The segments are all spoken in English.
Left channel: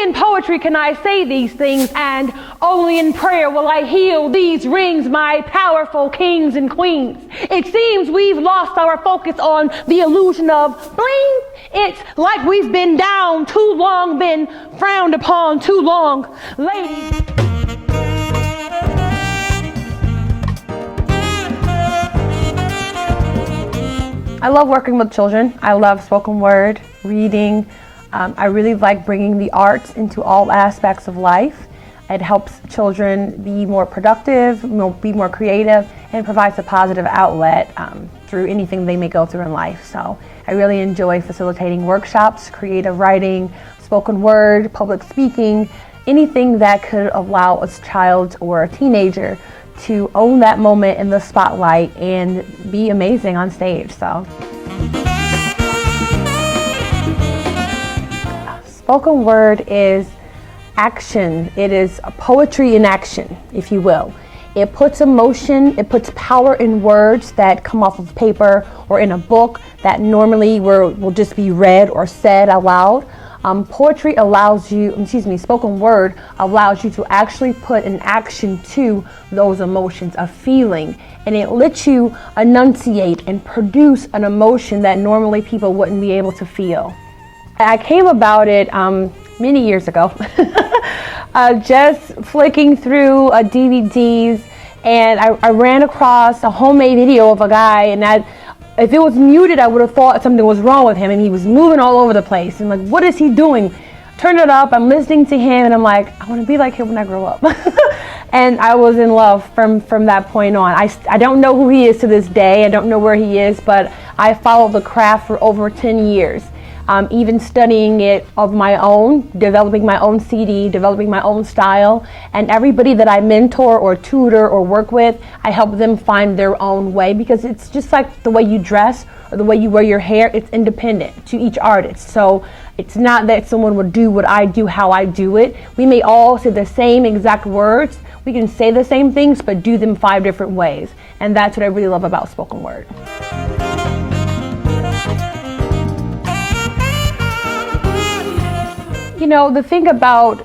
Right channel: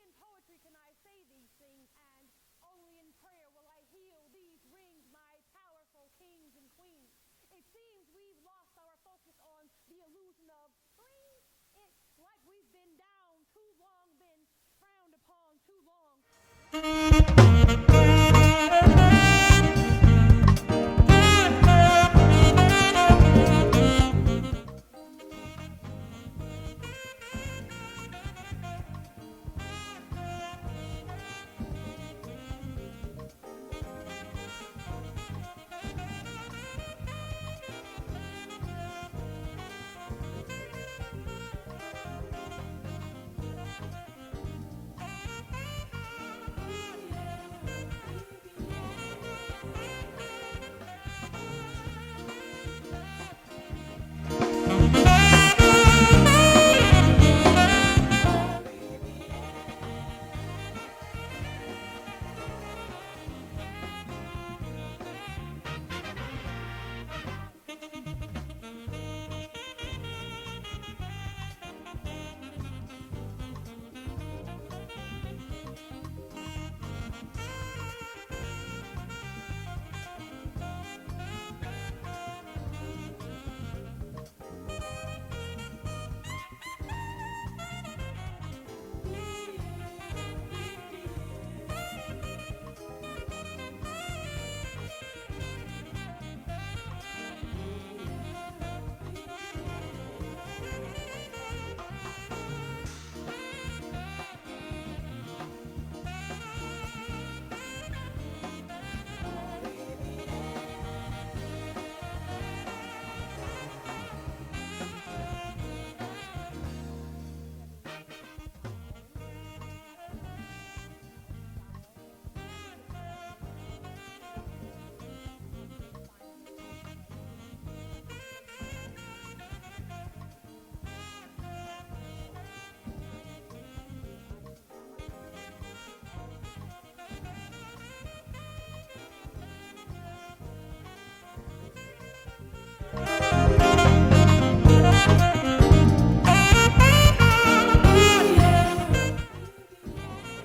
only in poetry can I say these things, and only in prayer will I heal these rings, my powerful kings and queens. It seems we've lost our focus on the illusion of bling. It's like we've been down too long, been frowned upon too long. Ladies. I love working with children. I love spoken word, reading. I really like bringing the arts into all aspects of life. It helps children be more productive, be more creative, and provides a positive outlet through anything they may go through in life. So I really enjoy facilitating workshops, creative writing, spoken word, public speaking, anything that could allow a child or a teenager to own that moment in the spotlight and be amazing on stage. So, spoken word is action. It is poetry in action, if you will. It puts emotion, it puts power in words that come off of paper or in a book that normally will just be read or said out loud. Poetry allows you, spoken word allows you to actually put an action to those emotions, a feeling, and it lets you enunciate and produce an emotion that normally people wouldn't be able to feel. I came about it many years ago, just flicking through DVDs, and I ran across a homemade video of a guy, and if it was muted, I would have thought something was wrong with him, and he was moving all over the place. And like, what is he doing? Turn it up, I'm listening to him, and I'm like, I want to be like him when I grow up. And I was in love from that point on. I don't know who he is to this day. I don't know where he is, but I followed the craft for over 10 years. Even studying it of my own, developing my own CD, developing my own style, and everybody that I mentor or tutor or work with, I help them find their own way, because it's just like the way you dress or the way you wear your hair, it's independent to each artist. So it's not that someone would do what I do, how I do it. We may all say the same exact words, we can say the same things, but do them 5 different ways. And that's what I really love about spoken word. You know, the thing about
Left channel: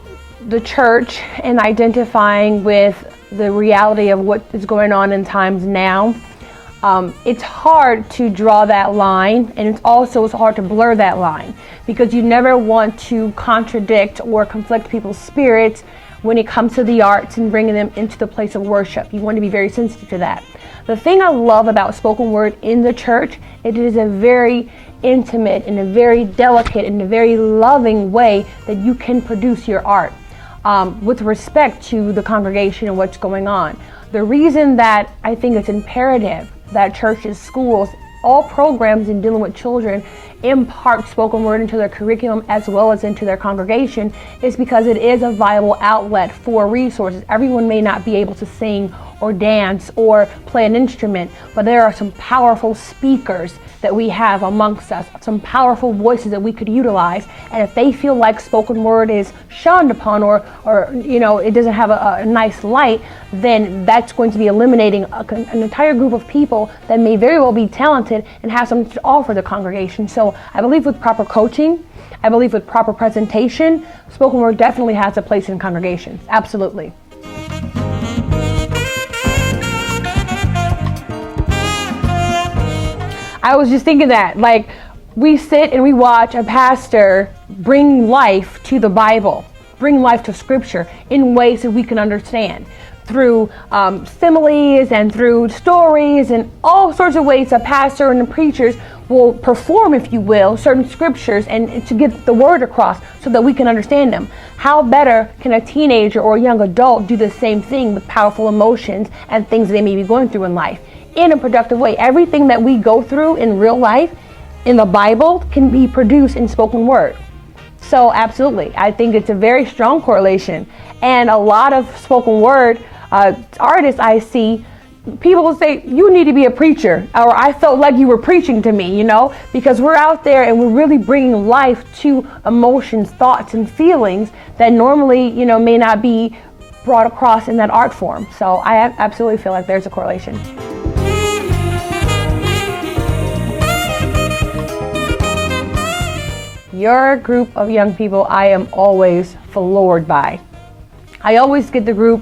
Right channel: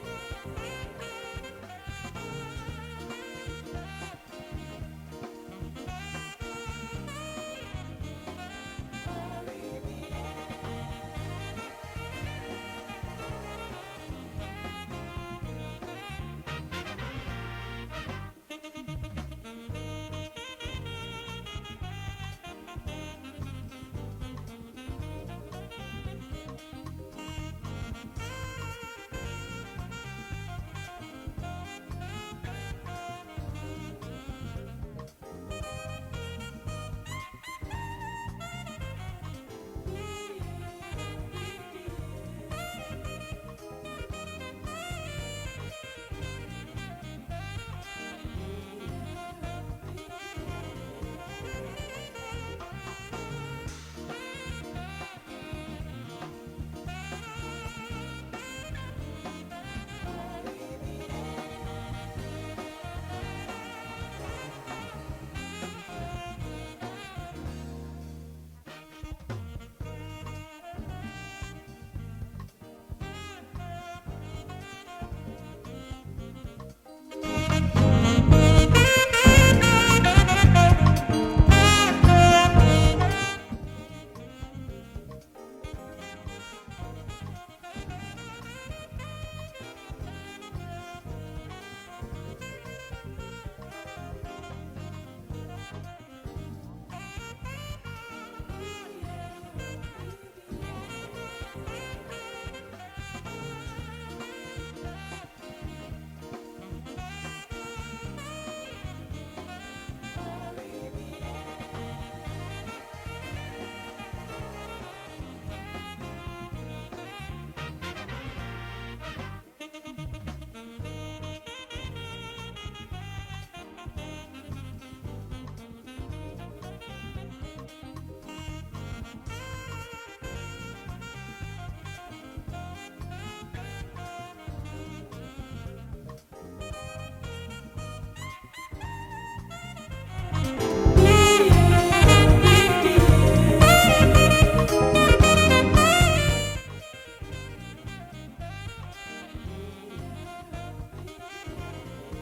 the church and identifying with the reality of what is going on in times now, it's hard to draw that line, and it's hard to blur that line, because you never want to contradict or conflict people's spirits when it comes to the arts and bringing them into the place of worship. You want to be very sensitive to that. The thing I love about spoken word in the church, it is a very intimate and a very delicate and a very loving way that you can produce your art with respect to the congregation and what's going on. The reason that I think it's imperative that churches, schools, all programs in dealing with children impart spoken word into their curriculum as well as into their congregation is because it is a viable outlet for resources. Everyone may not be able to sing or dance or play an instrument, but there are some powerful speakers that we have amongst us, some powerful voices that we could utilize. And if they feel like spoken word is shunned upon or it doesn't have a nice light, then that's going to be eliminating an entire group of people that may very well be talented and have something to offer the congregation. So I believe with proper coaching, I believe with proper presentation, spoken word definitely has a place in congregation. Absolutely. I was just thinking that, like, we sit and we watch a pastor bring life to the Bible, bring life to Scripture in ways that we can understand through similes and through stories and all sorts of ways a pastor and the preachers will perform, if you will, certain scriptures and to get the word across so that we can understand them. How better can a teenager or a young adult do the same thing with powerful emotions and things they may be going through in life in a productive way? Everything that we go through in real life in the Bible can be produced in spoken word. So absolutely, I think it's a very strong correlation. And a lot of spoken word artists I see, people will say, you need to be a preacher, or I felt like you were preaching to me, because we're out there and we're really bringing life to emotions, thoughts, and feelings that normally, may not be brought across in that art form. So I absolutely feel like there's a correlation. Your group of young people, I am always floored by. I always get the group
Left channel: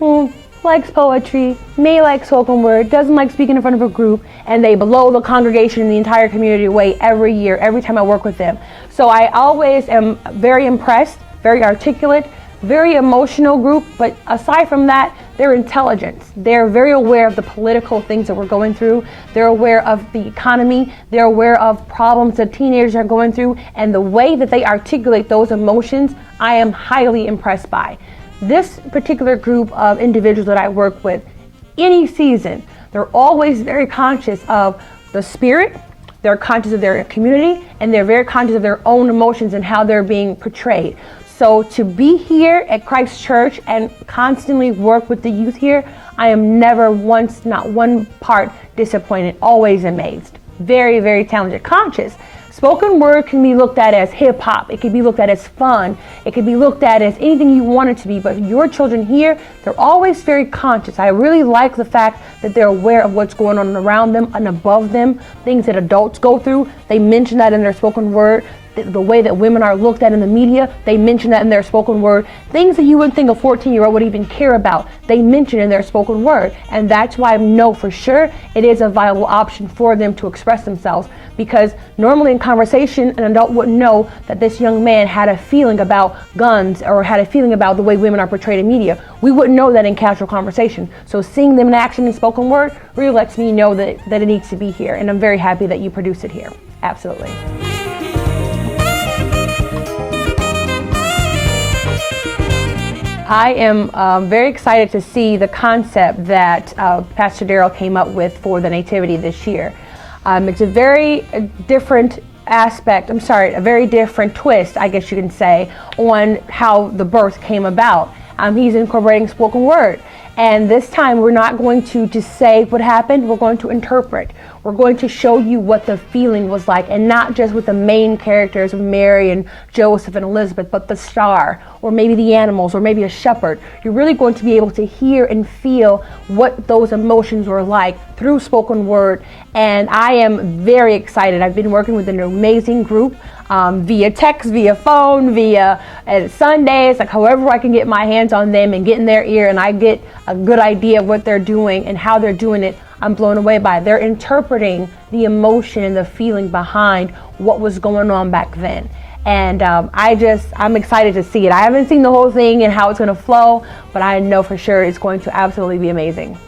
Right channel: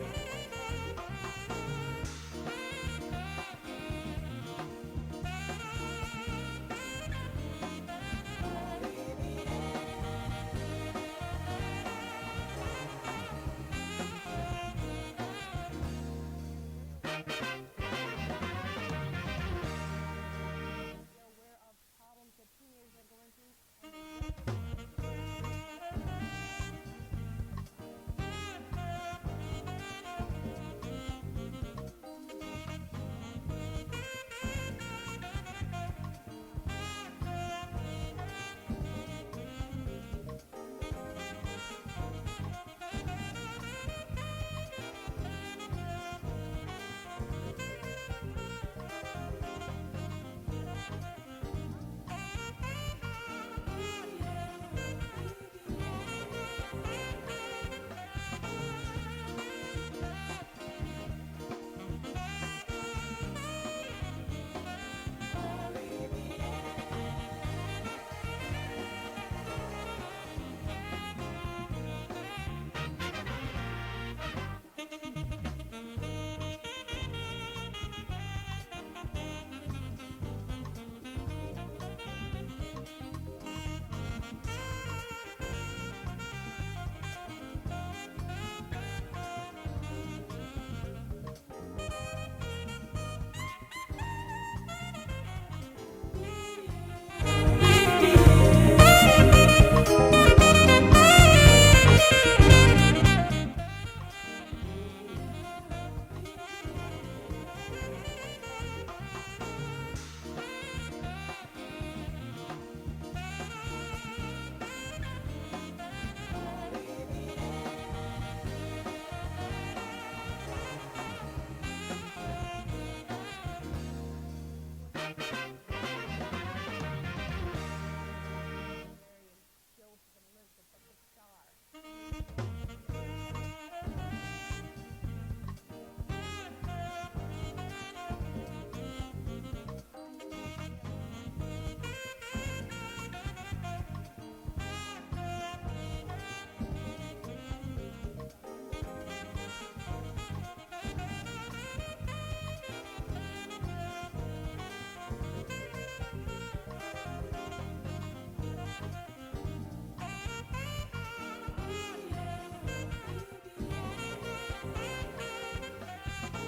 who likes poetry, may like spoken word, doesn't like speaking in front of a group, and they blow the congregation and the entire community away every year, every time I work with them. So I always am very impressed, very articulate, very emotional group, but aside from that, they're intelligent. They're very aware of the political things that we're going through. They're aware of the economy. They're aware of problems that teenagers are going through, and the way that they articulate those emotions, I am highly impressed by. This particular group of individuals that I work with, any season, they're always very conscious of the spirit, they're conscious of their community, and they're very conscious of their own emotions and how they're being portrayed. So to be here at Christ Church and constantly work with the youth here, I am never once, not one part disappointed, always amazed. Very, very talented, conscious. Spoken word can be looked at as hip hop. It can be looked at as fun. It can be looked at as anything you want it to be, but your children here, they're always very conscious. I really like the fact that they're aware of what's going on around them and above them, things that adults go through. They mention that in their spoken word. The way that women are looked at in the media, they mention that in their spoken word. Things that you wouldn't think a 14-year-old would even care about, they mention in their spoken word. And that's why I know for sure it is a viable option for them to express themselves. Because normally in conversation, an adult wouldn't know that this young man had a feeling about guns or had a feeling about the way women are portrayed in media. We wouldn't know that in casual conversation. So seeing them in action in spoken word really lets me know that it needs to be here. And I'm very happy that you produce it here. Absolutely. I am very excited to see the concept that Pastor Darrell came up with for the Nativity this year. It's a very different aspect, a very different twist, I guess you can say, on how the birth came about. He's incorporating spoken word. And this time we're not going to just say what happened, we're going to interpret. We're going to show you what the feeling was like, and not just with the main characters of Mary and Joseph and Elizabeth, but the star, or maybe the animals, or maybe a shepherd. You're really going to be able to hear and feel what those emotions were like through spoken word. And I am very excited. I've been working with an amazing group via text, via phone, via Sundays, like however I can get my hands on them and get in their ear and I get a good idea of what they're doing and how they're doing it. I'm blown away by it. They're interpreting the emotion and the feeling behind what was going on back then. And I'm excited to see it. I haven't seen the whole thing and how it's going to flow, but I know for sure it's going to absolutely be amazing.